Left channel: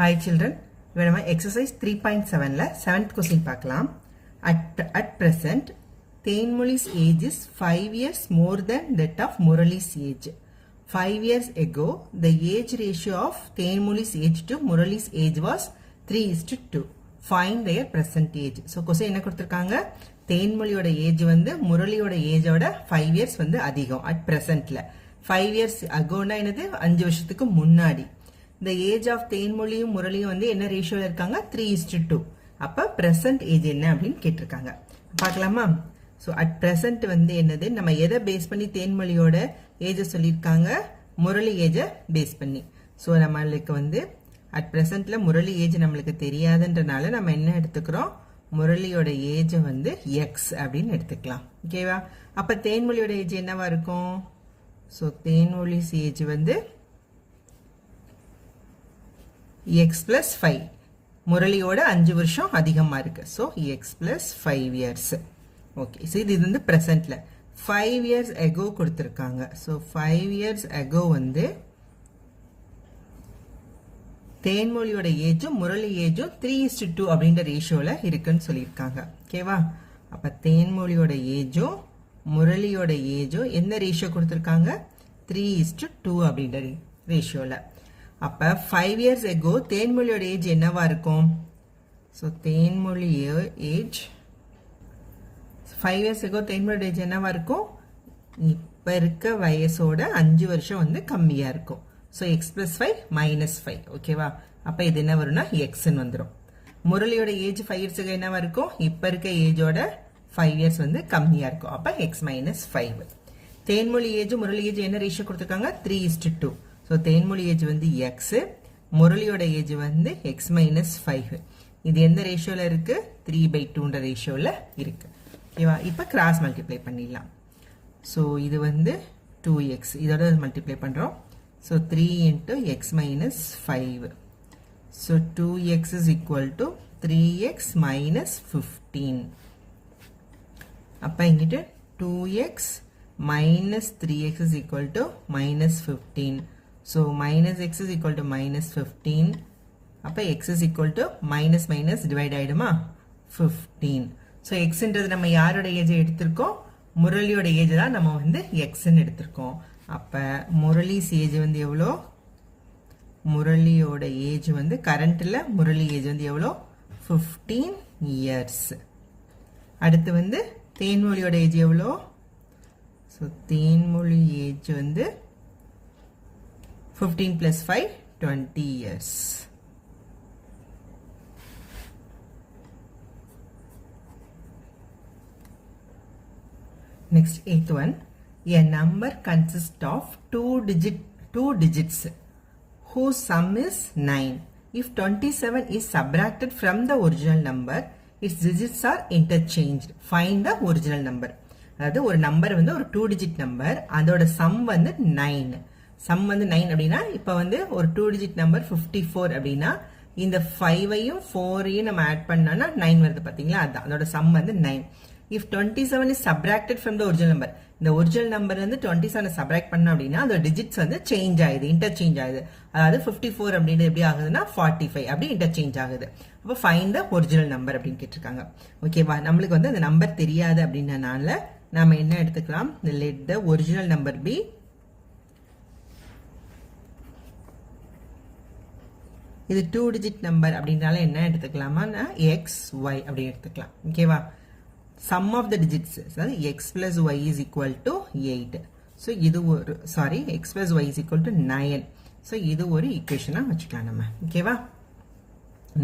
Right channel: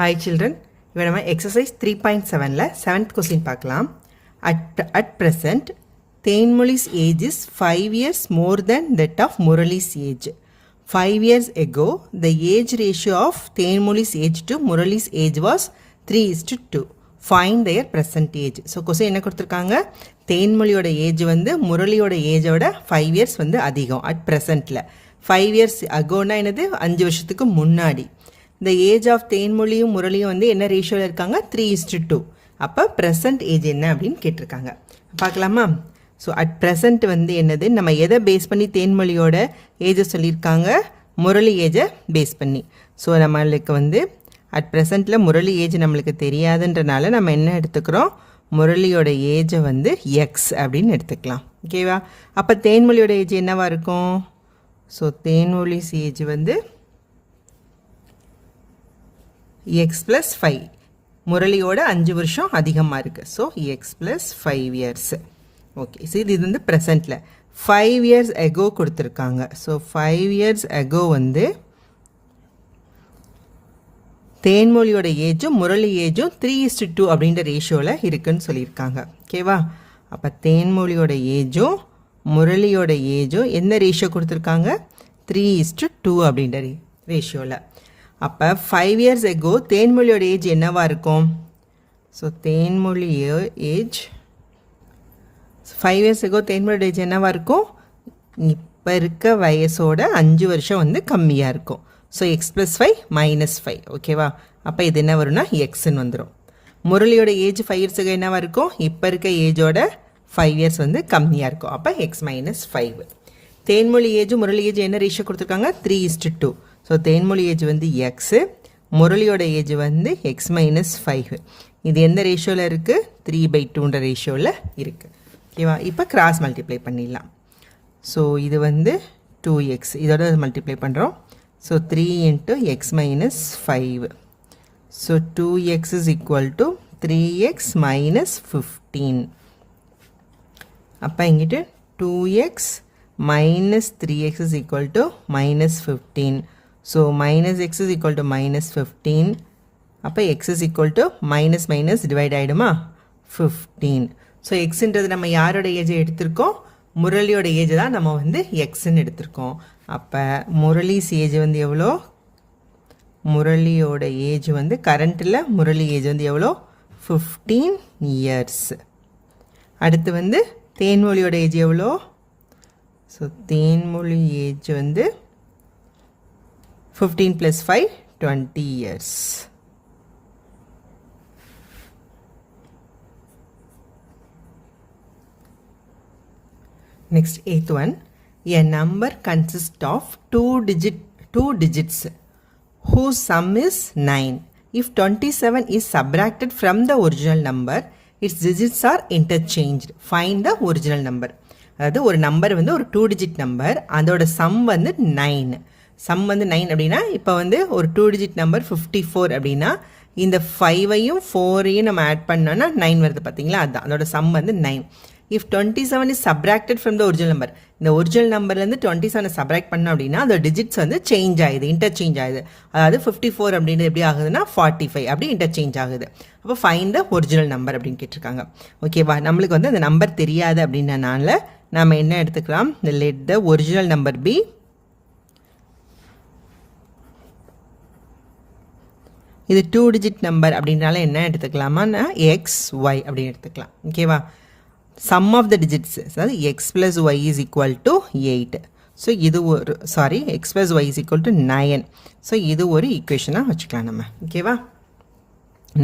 Hi children, இப்போ நம்ம exercise 3.7ல 7th question பார்க்கலாம். At present, தேன்மொழி's age is 5 years more than that of Murali's age. 5 years ago, the age ratio of தேன்மொழி's age to Murali's age was 3:2. Find their present age. So, question என்ன கொடுத்திருக்காங்க? தேன்மொழியோட age வந்து முரளியோட ஏஜோட 5 years வந்து அதிகம் at presentல. 5 years agoனா என்னது 5 வருஷத்துக்கு முன்னாடி. The age of தேன்மொழியும் முரளியும் வந்து என்ன ரேஷியோவில் இருக்காங்க 3:2. அப்போ ப்ரெசன்ட் ஏஜ் என்ன அப்படின்னு கேட்டிருக்காங்க. பார்க்கலாமா? ஸோ அட் ப்ரெசன்ட் வந்து என்னது, நம்ம எதை பேஸ் பண்ணி தேன்மொழியோட ஏஜை சொல்லியிருக்காங்க, முரளி ஏஜை பேஸ் பண்ணி. ஸோ நம்மளுக்கு வந்து அட் ப்ரெசண்ட்டில் முரளி ஏஜ் நம்மளுக்கு தெரியாதுன்றனால நம்ம என்ன எடுத்துக்கிறோம், முரளியோட ஏஜை வந்து எக்ஸ் அப்படின்னு எடுத்துக்கலாம். ஓகேவா? அப்போ தேன்மொழியோட ஏஜ் என்னவா இருக்கும்? ஸோ தேன்மொழிஸ் ஏஜ் வந்து எக்ஸ் ப்ளஸ் 5. முரளியோட 5 வருஷம் அதிகமாக இருக்குது. So X plus 5 years. Okay, so இது வந்து ப்ரெசண்ட்டில் 5 இயர்ஸ் எகோ கொடுத்துருக்காங்க. ஸோ 5 இயர்ஸ் எகோ வந்து தேன்மொழியோட ஏஜும் முரளி ஏஜும் 3:2 அப்படின்ற ரேஷியோவில் இருக்குன்னு சொல்லியிருக்காங்க. ஓகேவா? அப்போ தேன்மொழியோட ஏஜும் முரளியோட ஏஜும் என்ன ரேஷியோ கொடுத்துருக்காங்க, 3:2 அப்படின்ற ரேஷியோவில். அப்போ 5 இயர்ஸ் எகோ தேன்மொழியோட ஏஜ் என்னவா இருக்கும்? So Thenmozhi age 5 years ago தேன்மொழியோட ஏஜ் என்னவா இருக்கும்? இப்போ இருக்க வயசோட 5 வருஷம் வந்து கம்மியாக இருக்கும். So X plus 5 minus 5. ஓகேவா? அப்போ இது என்ன வரும்னா எக்ஸ்ன்னு வந்துடும். முரளியோட ஏஜ் 5 இயர்ஸ் எகோ என்னவா இருக்கும்? இப்போ இருக்க ஏஜோட 5 இயர்ஸ் வந்து கம்மியாக இருக்கும். அப்போ X minus 5. Thenmozhi age Murali age என்ன ரேஷியோ கொடுத்துருக்காங்க, 3:2. ஸோ தேன்மொழி ஏஜ் வந்து எக்ஸு, முரளியோட ஏஜ் வந்து எக்ஸ் மைனஸ் 5. இது எந்த ரேஷியோவில் இருக்குது? 3/2ன்ற ரேஷியோவில் இருக்குது. ஓகேவா? இப்போ கிராஸ் மல்டிப்ளை பண்ணிடலாம். ஸோ இது வந்து 2x, இதோட மல்டிப்ளை பண்ணுறோம். So 3 × x minus 5. So 2x is equal to 3x minus 15. அப்போ இங்கிட்டு 2x minus 3x is equal to minus 15. So minus x is equal to minus 15. அப்போ x is equal to minus minus divide ஆகிடுமா 15. So எக்ஸுன்றது நம்ம யாரோட ஏஜை எடுத்திருக்கோம், முரளியோட age தான் நம்ம வந்து எக்ஸ்ன்னு எடுத்திருக்கோம். அப்போ முரளிஸ் ஏஜ் வந்து எவ்வளோ, முரளியோட ஏஜ் வந்து கரண்ட்டில் முரளி ஏஜ் வந்து எவ்வளோ, 15 இயர்ஸ். அடுத்து வந்து தேன்மொழியோட ஏஜ் எவ்வளோ? ஸோ தேன்மொழி ஏஜ் வந்து 15 + 5 20 years. Next, 8th one. A number consists of two digits whose sum is 9. If 27 is subtracted from the original number, its digits are interchanged. Find the original number. அதாவது ஒரு number வந்து ஒரு 2 digit number, அதோட some வந்து 9. Some வந்து 9 அப்படின்னா இப்போ வந்து ஒரு 2 digit நம்பர் 54 அப்படின்னா இந்த 5ஐயும் 4ஐயும் நம்ம ஆட் பண்ணோன்னா 9 வருது பார்த்தீங்களா, அதுதான் அதோட சம் வந்து 9. If 27 is subtracted from the original number, இந்த ஒரிஜினல் நம்பர்லேருந்து 27 சப்ராக்ட் பண்ணோம் அப்படின்னா அதோட டிஜிட்ஸ் வந்து சேஞ்ச் ஆகுது, இன்டர்சேஞ்ச் ஆகுது. அதாவது 54 அப்படின்றது எப்படி ஆகுதுன்னா 45 அப்படி இன்டர்சேஞ்ச் ஆகுது. அப்போ ஃபைண்ட் த ஒரிஜினல் நம்பர் அப்படின்னு கேட்டிருக்காங்க. ஓகேவா? நம்மளுக்கு வந்து அந்த நம்பர் தெரியாது அப்படின்றனால நம்ம என்ன எடுத்துக்கலாம், let the original number be இது 2 digit நம்பர் அப்படின்னால என்ன எடுத்துக்கலாமா, எக்ஸ் ஒய் அப்படின்னு எடுத்துக்கலாம். ஓகேவா? சம் ஆஃப் த டிஜிட்ஸ், அதாவது x plus y is equal to 8. So இது ஒரு x plus y is equal to 9. So இது ஒரு ஈக்குவேஷனாக வச்சுக்கலாம் நம்ம. ஓகேவா?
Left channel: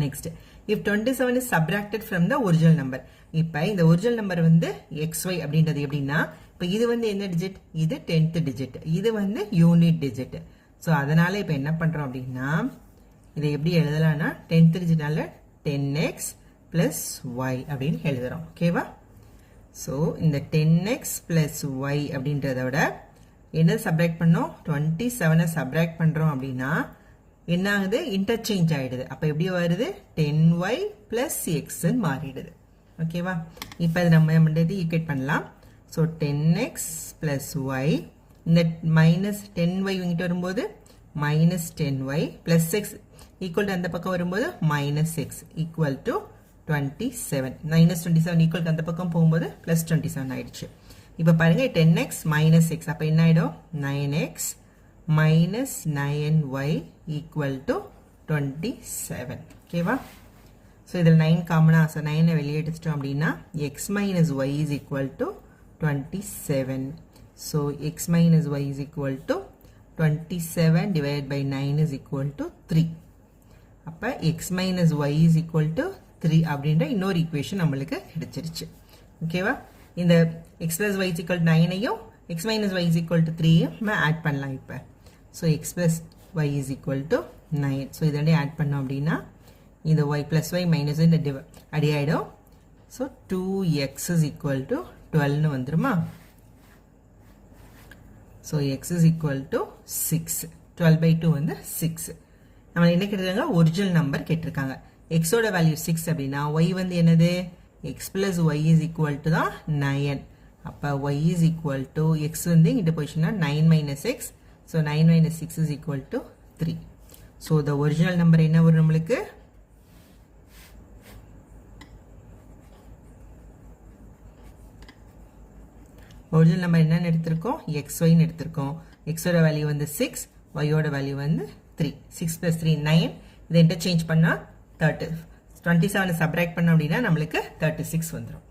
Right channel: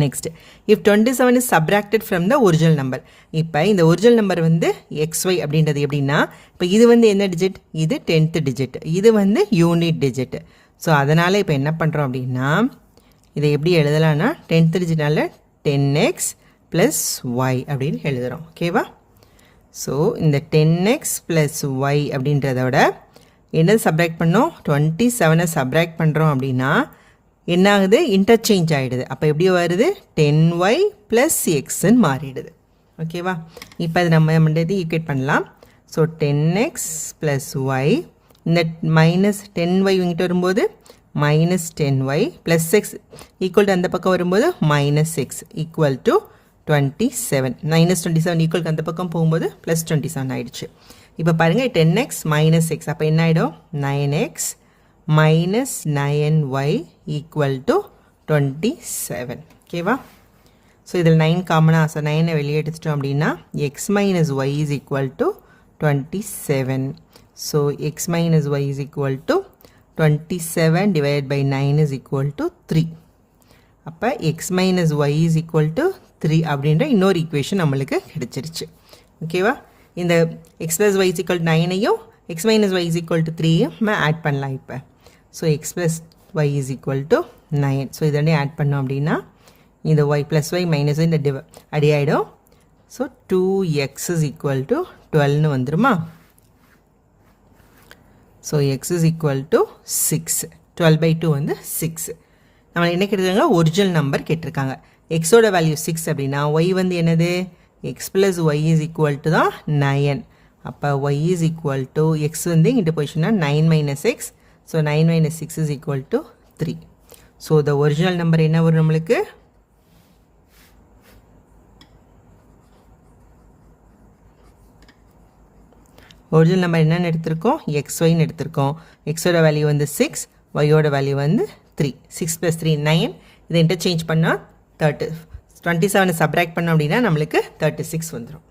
Next, if 27 is subtracted from the original number. இப்போ இந்த ஒரிஜினல் நம்பர் வந்து XY அப்படின்றது எப்படின்னா, இப்போ இது வந்து என்ன டிஜிட், இது 10th டிஜிட், இது வந்து யூனிட் டிஜிட். ஸோ அதனால் இப்போ என்ன பண்ணுறோம் அப்படின்னா, இதை எப்படி எழுதலாம்னா 10th டிஜிட்னால 10x + y அப்படின்னு எழுதுகிறோம். ஓகேவா? ஸோ இந்த 10x + y அப்படின்றதோட என்ன சப்ராக்ட் பண்ணோம், 27 சப்ராக்ட் பண்ணுறோம் அப்படின்னா என்ன ஆகுது, இன்டர்சேஞ்ச் ஆகிடுது. அப்போ எப்படி வருது, 10y + xன்னு மாறிடுது. ஓகேவா? இப்போ அது நம்ம வந்து ஈக்குவேட் பண்ணலாம். ஸோ 10x + y, இந்த மைனஸ் 10y இங்கிட்ட வரும்போது minus 10y plus x equal to அந்த பக்கம் வரும்போது minus x equal to 27. minus 27 equal to அந்த பக்கம் போகும்போது plus 27 ஆயிடுச்சு. இப்போ பாருங்க 10x minus x அப்போ என்ன ஆயிடும் 9x minus 9y equal to 27. ஓகேவா? ஸோ இதில் 9 காமனாக ஸோ 9 வெளியே எடுத்துட்டோம் அப்படின்னா x minus y is equal to 27. So x minus y is equal to 27 divided by 9 is equal to 3. அப்போ x minus y is equal to 3 அப்படின்ற இன்னொரு equation நம்மளுக்கு கிடைச்சிருச்சு. ஓகேவா? இந்த x plus y is equal to 9ஐயும் x minus y is equal to 3ஐயும் நம்ம add பண்ணலாம் இப்போ. So x plus y is equal to 9. So இதோடய ஆட் பண்ணோம் அப்படின்னா இந்த y plus y minus y இந்த அடி ஆகிடும். So 2x is equal to 12னு வந்துருமா? So x is equal to 6. 12 by 2 வந்து 6. நம்ம என்ன கேட்டிருக்காங்க? ஒரிஜினல் நம்பர் கேட்டிருக்காங்க. எக்ஸோட வேல்யூ 6 அப்படின்னா y வந்து என்னது? x plus y is equal to தான் 9. அப்போ y is equal to x வந்து இங்கிட்ட போயிடுச்சுன்னா 9 minus x. So 9 minus 6 is equal to 3. So the original number என்ன வரும் நம்மளுக்கு? ஒரிஜினல் நம்பர் என்னென்னு எடுத்திருக்கோம்? xyன்னு எடுத்திருக்கோம். எக்ஸோட வேல்யூ வந்து 6, ஒய்யோட வேல்யூ வந்து 3. 6 plus 3 9. இதை இன்டர்சேஞ்ச் பண்ணால் 27 சப்ராக்ட் பண்ணோம் அப்படின்னா நம்மளுக்கு 36 வந்துடும்.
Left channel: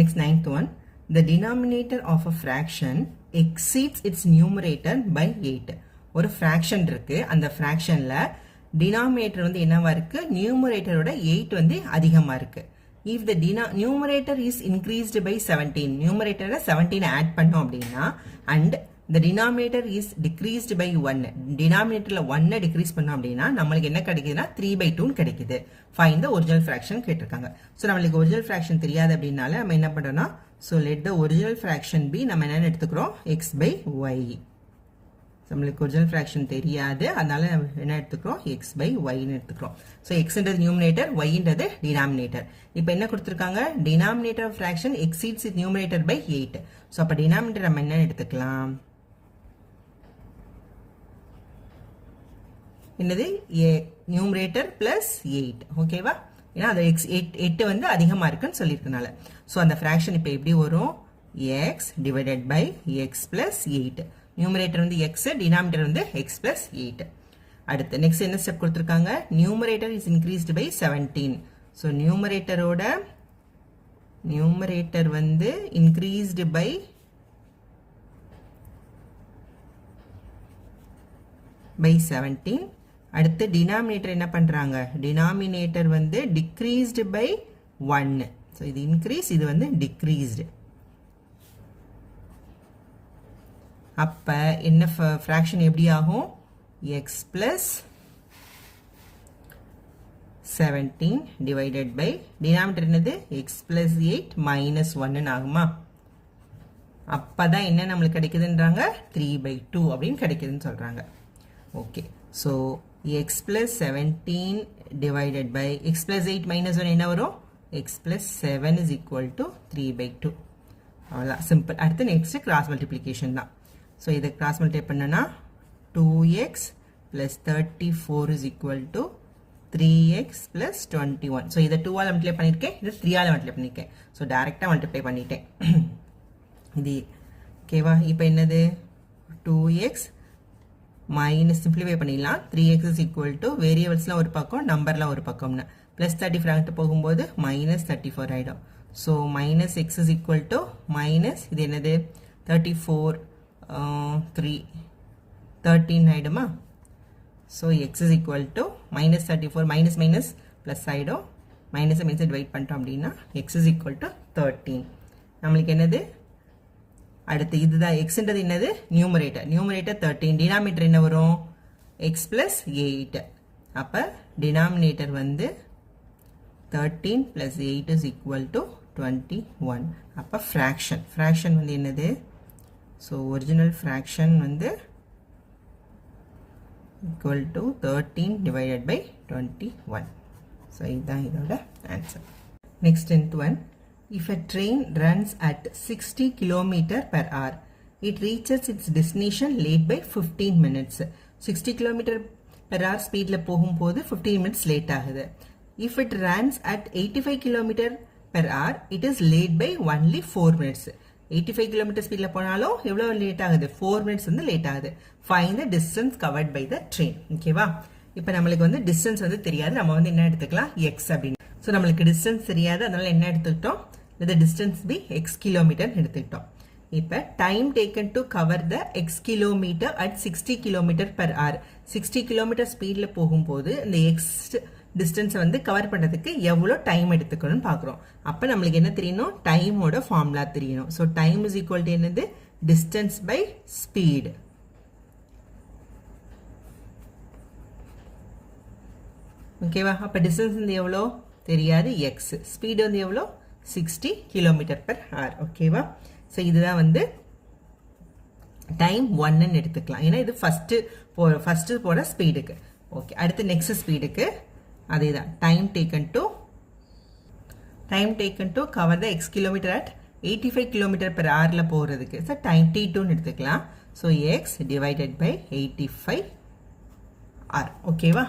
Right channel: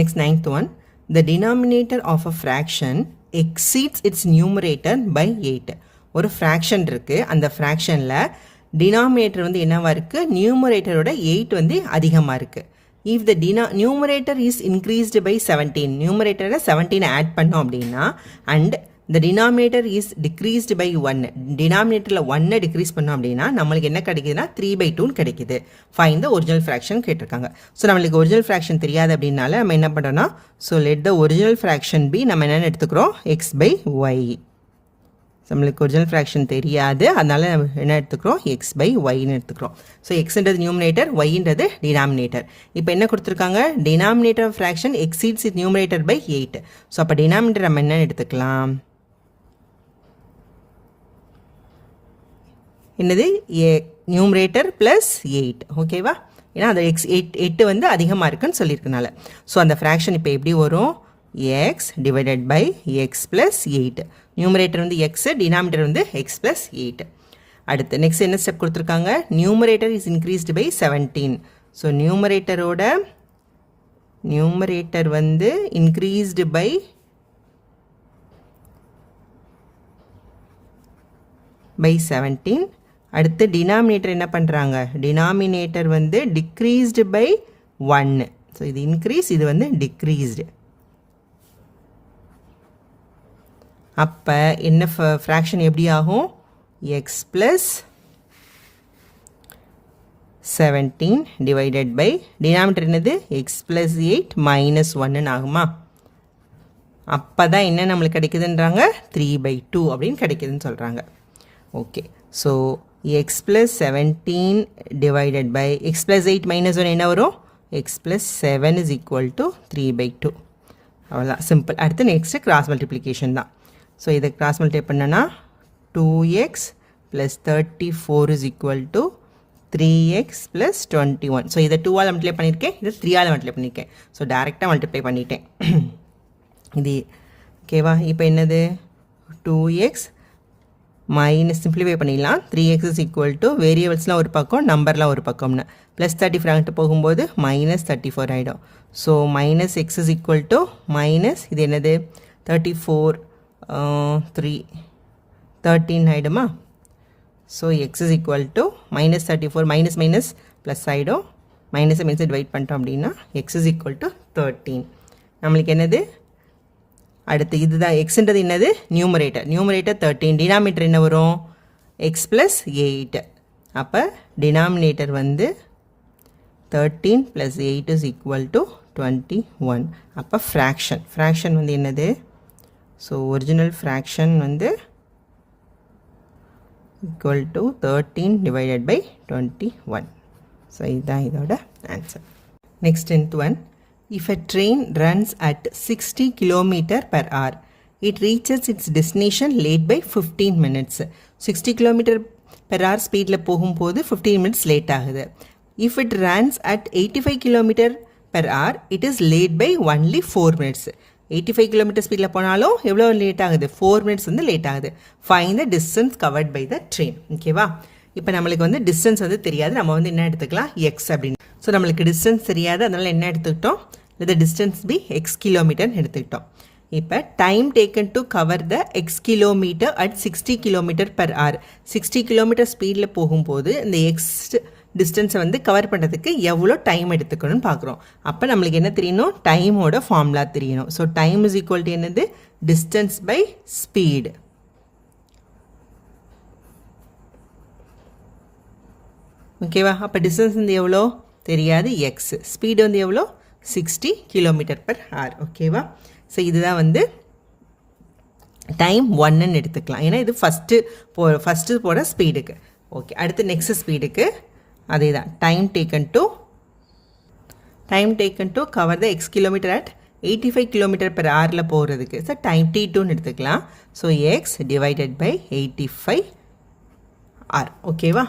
Next 9th one. The denominator of a fraction exceeds its numerator by 8. ஒரு ஃப்ராக்ஷன் இருக்குது. அந்த ஃப்ராக்ஷனில் டினாமினேட்டர் வந்து என்னவா இருக்குது? நியூமரேட்டரோட 8 வந்து அதிகமாக இருக்குது. If the numerator is increased by 17, numerator 17 add பண்ணோம் அப்படின்னா and the denominator is decreased by 1, denominatorல 1 decrease பண்ணோம் அப்படின்னா நம்மளுக்கு என்ன கிடைக்குதுன்னா 3/2 கிடைக்குது. Find the original fraction கேட்டிருக்காங்க. ஸோ நம்மளுக்கு ஒரிஜினல் ஃப்ராக்ஷன் தெரியாது அப்படின்னால நம்ம என்ன பண்ணுறோம்னா so let the original fraction be நம்ம என்னென்னு எடுத்துக்கிறோம்? x/y. நம்மளுக்கு ஒரிஜினல் ஃப்ராக்ஷன் தெரியாது, அதனால என்ன எடுத்துக்கிறோம்? x/yன்னு எடுத்துக்கிறோம். ஸோ எக்ஸ்ன்றது நியூமினேட்டர், ஒய்ன்றது டினாமினேட்டர். இப்போ என்ன கொடுத்துருக்காங்க? Denominator fraction exceeds it numerator by 8. So அப்போ டினாமினேட்டர் நம்ம என்ன எடுத்துக்கலாம்? என்னது? Numerator plus 8. ஓகேவா? ஏன்னா அந்த 8 வந்து அதிகமாக இருக்குன்னு சொல்லியிருக்கனால. ஸோ அந்த ஃப்ராக்ஷன் இப்போ எப்படி வரும்? x divided by x plus 8. Numerator வந்து x, டினாமினேட்டர் வந்து x plus 8. அடுத்து நெக்ஸ்ட் என்ன ஸ்டெப் கொடுத்துருக்காங்க? Numerator is increased by 17. So numerator வந்து இன்க்ரீஸ்டு பை 17. அடுத்து டினாமினேட்டர் என்ன பண்ணுறாங்க? டினாமினேட்டர் வந்து டிக்ரீஸ்டு பை 1. ஸோ இது இன்க்ரீஸ், இது வந்து டிக்ரீஸ்டு. அப்போ என்ன ஃப்ராக்ஷன் எப்படி ஆகும்? x plus 17 divided by denominator என்னது? x plus 8 minus 1 ஆகுமா? அப்போ தான் என்ன நம்மளுக்கு கிடைக்குதுன்றாங்க? 3/2 அப்படின்னு கிடைக்குதுன்னு சொல்கிறாங்க. Okay, so x plus 17 divided by x plus 8 minus 1 என்ன வரும்? x plus 7 is equal to 3/2. அவ்வளோதான், சிம்பிள். அடுத்து நெக்ஸ்ட்டு கிராஸ் மல்டிப்ளிகேஷன் தான். ஸோ இதை கிராஸ் மல்டிப்ளை பண்ணனா 2x plus 34 is equal to 3x plus 21. So இதை 2ஆல் மல்டிப்ளை பண்ணியிருக்கேன், இதை 3ஆல் மல்டிப்ளை பண்ணியிருக்கேன். ஸோ டேரெக்டாக மல்டிப்ளை பண்ணிட்டேன். இது ஓகேவா? இப்போ என்னது? 2x மைனஸ் சிம்பிளிஃபை பண்ணிடலாம். 3x is equal to வேரியபிள்ஸ்லாம் ஒரு பக்கம், நம்பர்லாம் ஒரு பக்கம்னு ப்ளஸ் 34 அங்கிட்டு போகும்போது மைனஸ் 34 ஆகிடும். So minus x is equal to minus இது என்னது? 34 13 ஆகிடுமா? So x is equal to minus 34 minus minus plus ஆகிடும். மைனஸை மைனஸை டிவைட் பண்ணிட்டோம் அப்படின்னா x is equal to 13. நம்மளுக்கு என்னது? அடுத்து இதுதான் எக்ஸ்ன்றது என்னது? நியூமரேட்டர். நியூமரேட்டர் 13. டினாமினேட்டர் என்ன வரும்? x plus 8. அப்போ டினாமினேட்டர் வந்து 13 plus 8 is equal to 21. அப்போ ஃப்ராக்ஷன் வந்து என்னது? ஸோ ஒரிஜினல் ஃப்ராக்ஷன் வந்து equal to 13 divided by 21. So இதுதான் இதோட answer. Next 10th one. If a train runs at 60 km per hour, it reaches its destination late by 15 minutes. 60 km/h ஸ்பீடில் போகும்போது 15 minutes late ஆகுது. If it runs at 85 km/h, it is late by only 4 minutes. 85 km ஸ்பீடில் போனாலும் எவ்வளோ late ஆகுது? 4 minutes வந்து late ஆகுது. Find the distance covered by the train. ஓகேவா? இப்போ நம்மளுக்கு வந்து டிஸ்டன்ஸ் வந்து தெரியாது, நம்ம வந்து என்ன எடுத்துக்கலாம்? எக்ஸ் அப்படின்னு. ஸோ நம்மளுக்கு டிஸ்டன்ஸ் தெரியாது, அதனால் என்ன எடுத்துக்கிட்டோம்? the distance be x கிலோமீட்டர்னு எடுத்துக்கிட்டோம். இப்போ time taken to cover the x kilometre at 60 km/h. 60 km ஸ்பீடில் போகும்போது இந்த எக்ஸ் டிஸ்டன்ஸை வந்து கவர் பண்ணுறதுக்கு எவ்வளோ டைம் எடுத்துக்கணும்னு பார்க்குறோம். அப்போ நம்மளுக்கு என்ன தெரியணும்? டைமோட ஃபார்முலா தெரியணும். So time is equal to என்னது? Distance by speed. ஓகேவா? அப்போ டிஸ்டன்ஸ் வந்து எவ்வளோ தெரியாது? எக்ஸ். ஸ்பீடு வந்து எவ்வளோ? 60 km/h. ஓகேவா? ஸோ இதுதான் வந்து டைம் 1ன்னு எடுத்துக்கலாம். ஏன்னா இது ஃபஸ்ட்டு போட ஸ்பீடுக்கு. ஓகே, அடுத்து நெக்ஸ்ட் ஸ்பீடுக்கு அதே தான். Time taken to cover the x kilometre at 85 km/h போகிறதுக்கு ஸோ டைம் T2ன்னு எடுத்துக்கலாம். So x divided by 85R. ஓகேவா?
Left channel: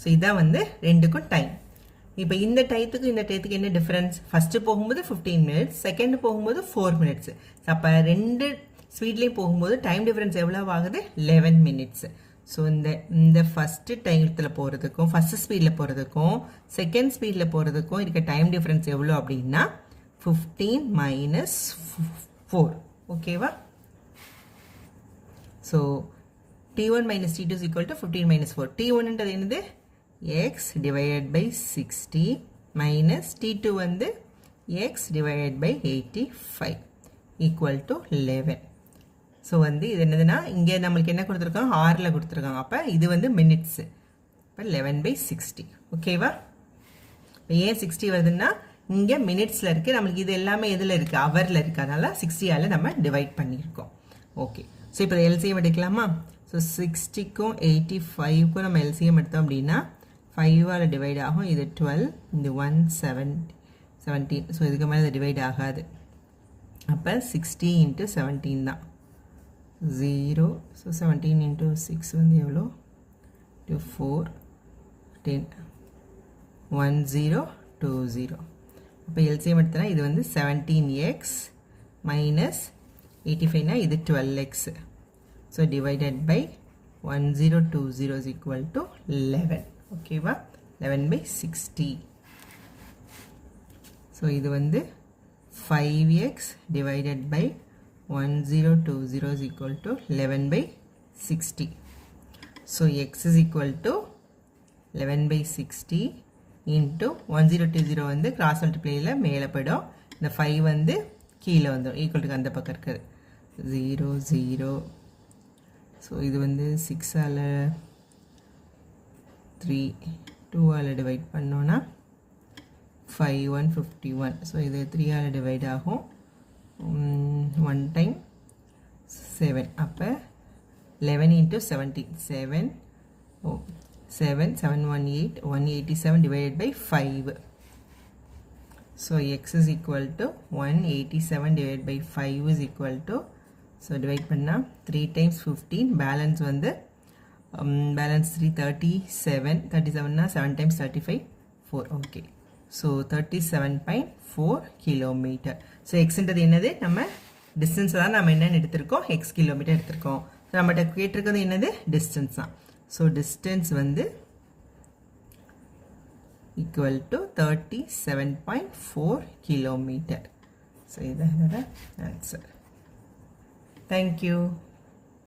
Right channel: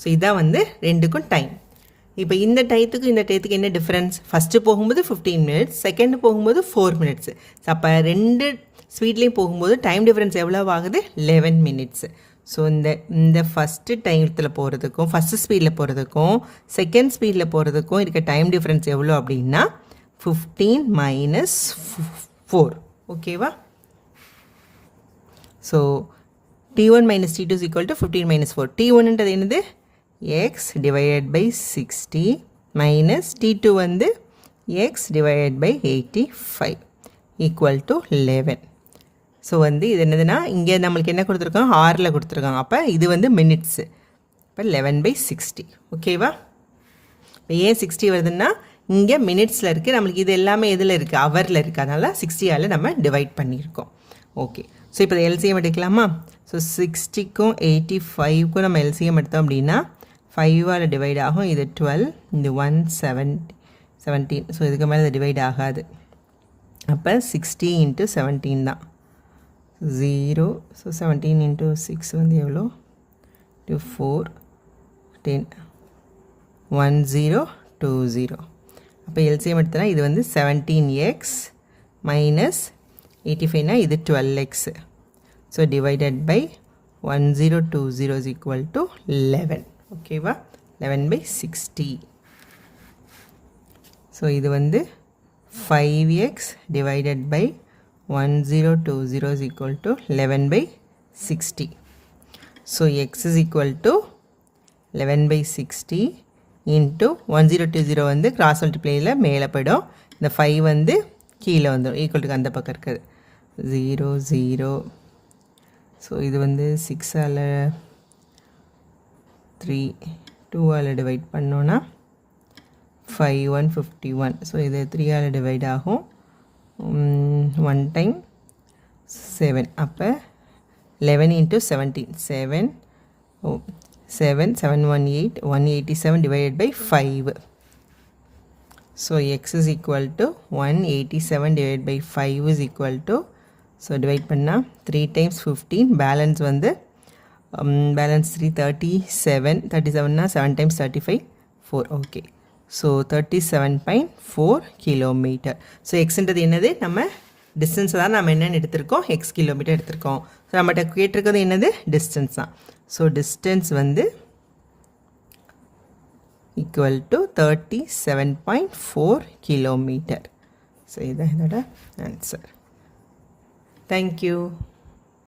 ஸோ இதான் வந்து ரெண்டுக்கும் டைம். இப்போ இந்த டயத்துக்கு என்ன டிஃப்ரென்ஸ்? ஃபஸ்ட்டு போகும்போது 15 minutes, செகண்ட் போகும்போது 4 minutes. ஸோ அப்போ ரெண்டு ஸ்பீட்லேயும் போகும்போது டைம் டிஃப்ரென்ஸ் எவ்வளோ ஆகுது? 11 minutes. ஸோ இந்த ஃபஸ்ட்டு டைத்தில் போகிறதுக்கும் ஃபஸ்ட்டு ஸ்பீடில் போகிறதுக்கும் செகண்ட் ஸ்பீடில் போகிறதுக்கும் இருக்க டைம் டிஃப்ரென்ஸ் எவ்வளோ அப்படின்னா 15 - 4. ஓகேவா? So T1 - T2 is equal to 15 - 4. T1ன்றது என்னது? x divided by 60 minus T2 வந்து x divided by 85 equal to 11. So வந்து இது என்னதுன்னா இங்கே நம்மளுக்கு என்ன கொடுத்துருக்காங்க? ஹாரில் கொடுத்துருக்காங்க. அப்போ இது வந்து மினிட்ஸு. இப்போ 11/60. ஓகேவா? இப்போ ஏன் 60 வருதுன்னா இங்கே மினிட்ஸில் இருக்குது, நம்மளுக்கு இது எல்லாமே எதில் இருக்குது? ஹவரில் இருக்குது. அதனால் 60ஆல் நம்ம டிவைட் பண்ணியிருக்கோம். ஓகே, ஸோ இப்போ எல்சிஎம் எடுக்கலாமா? ஸோ 60க்கும் 85க்கும் நம்ம எல்சிஎம் எடுத்தோம் அப்படின்னா 5ஆல் டிவைட் ஆகும். இது 12, இது 17. ஸோ இதுக்கு மேலே இது டிவைட் ஆகாது. அப்போ 60 × 17 தான் 0. ஸோ 17 × 6 வந்து எவ்வளோ? 4, 10, 1020. அப்போ எல்சிஎம் எடுத்தனா இது வந்து 17x minus 85னா இது 12x. So divided by 1020 is equal to 11. ஓகேவா? 11/60. ஸோ இது வந்து 5x divided by 1020 is equal to 11/60. So x is equal to 11/60 into 1020 வந்து கிராஸ் மல்டிப்ளையில் மேலே போய்டும். இந்த 5 வந்து கீழே வந்துடும். ஈக்குவல் அந்த பக்கம் இருக்குது 0 0. ஸோ இது வந்து 6ஆல் 3 2ஆல் டிவைட் பண்ணோன்னா 5 1 51. ஸோ இது 3ஆல் டிவைட் ஆகும். 1 டைம் 7. அப்போ 11 × 17 7 7 718 187 divided by 5. So x is equal to 187 divided by 5 is equal to, so divide பண்ணா 3 times 15, balance வந்து balance 3 37 னா 7 times 35 4. okay, so 37.4 kilometer. so x ன்றது என்னது? நம்ம distance தான் நம்ம என்னன்னு எடுத்திருக்கோம், x kilometer எடுத்திருக்கோம். so நம்மட்ட கேட்டிருக்கிறது என்னது? distance தான். so distance வந்து equal to 37.4 kilometer. so இதான் என்னோட answer. Thank you.